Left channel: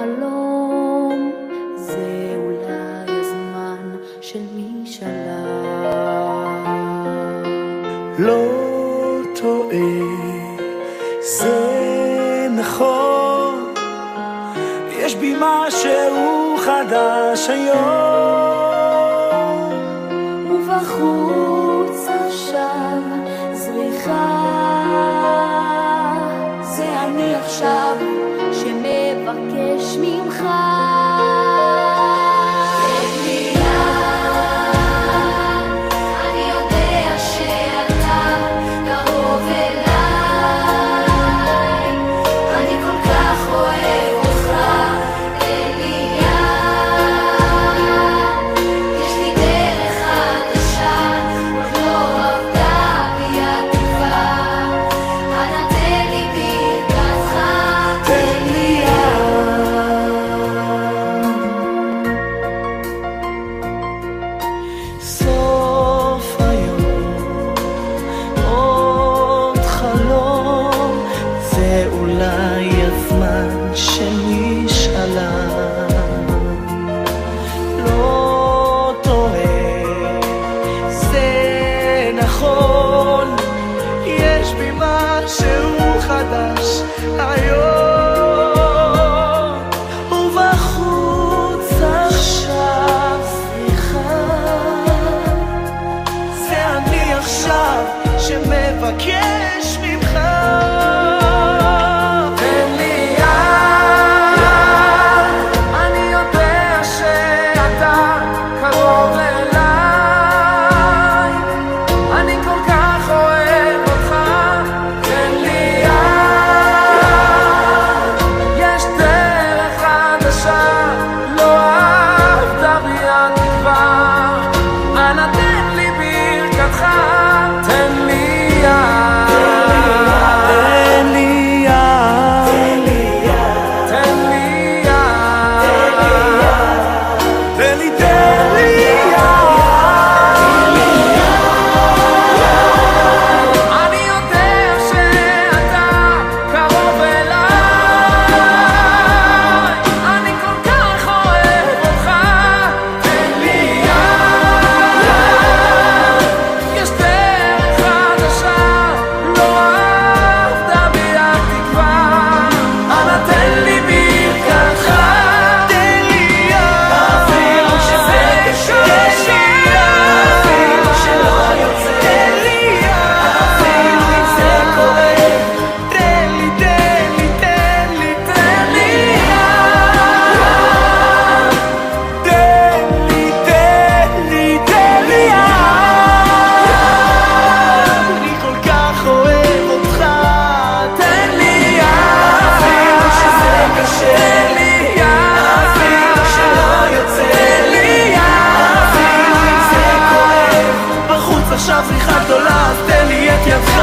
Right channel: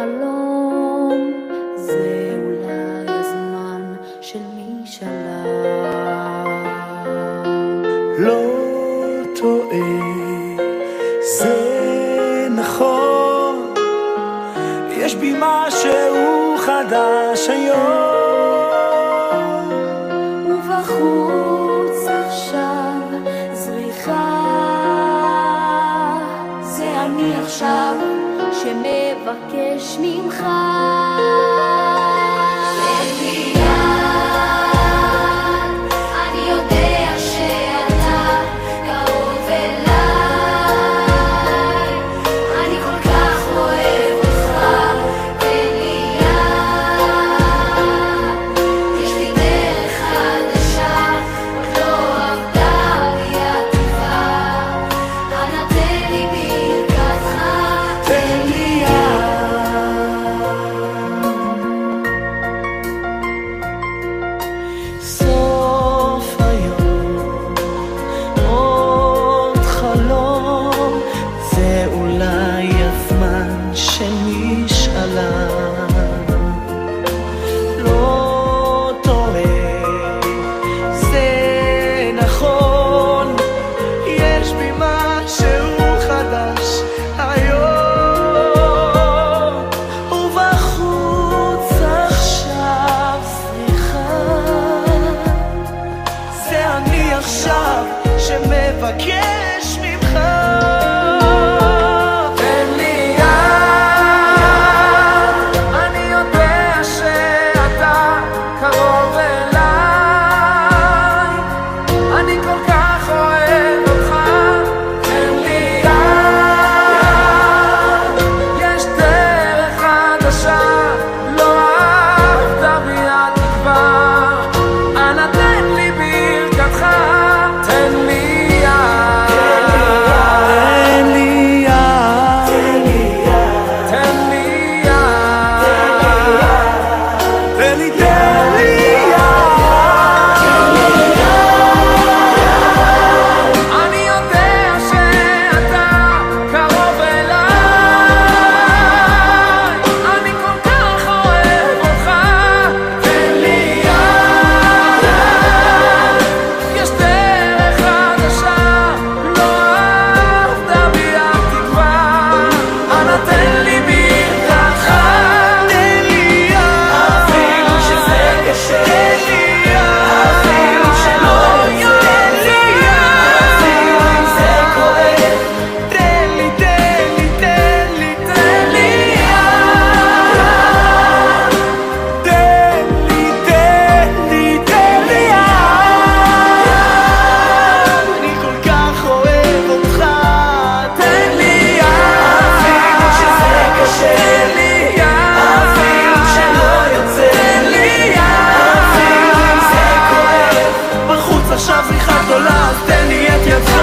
חלום, זה אולי הזמן של משאלה. לא טועה, זה נכון, יש בי משהו חדש היום. ובחוץ עכשיו זריחה, זה אני עכשיו שמבקש ממך. סוף היום, עוד חלום, זה אולי הזמן של משאלה. לא טועה, זה נכון, יש בי משהו חדש היום. ובחוץ עכשיו אני עכשיו שמבקש ממך. תן לי יד, אני יודע שאתה קרוב אליי, אני כל כך אוהב אותך. תן לי יד, יש דרך חדשה, לא עבדה בי התקווה. אנא תן לי ברכתך, תן לי יד, תן לי יד, תן לי יד, תן לי יד, תן לי יד. אני יודע שאתה קרוב אליי, אני כל כך אוהב אותך. תן לי יד, יש דרך חדשה, לא עבדה בי התקווה. אנא תן לי ברכתך, תן לי יד, אפילו שזה קשה, תן לי יד, אפילו שלא יוצא, תן לי יד, אפילו אם זה כואב. תן לי, תן לי, תן לי, תן לי יד, תן לי, תן לי, תן לי יד. אני כל כך אוהב אותך. תן לי יד, אפילו שזה קשה, תן לי יד, אפילו שלא יוצא, תן לי יד, אפילו אם זה כואב. בחוץ עכשיו זריחה גדולה, אז תן לי את ידך.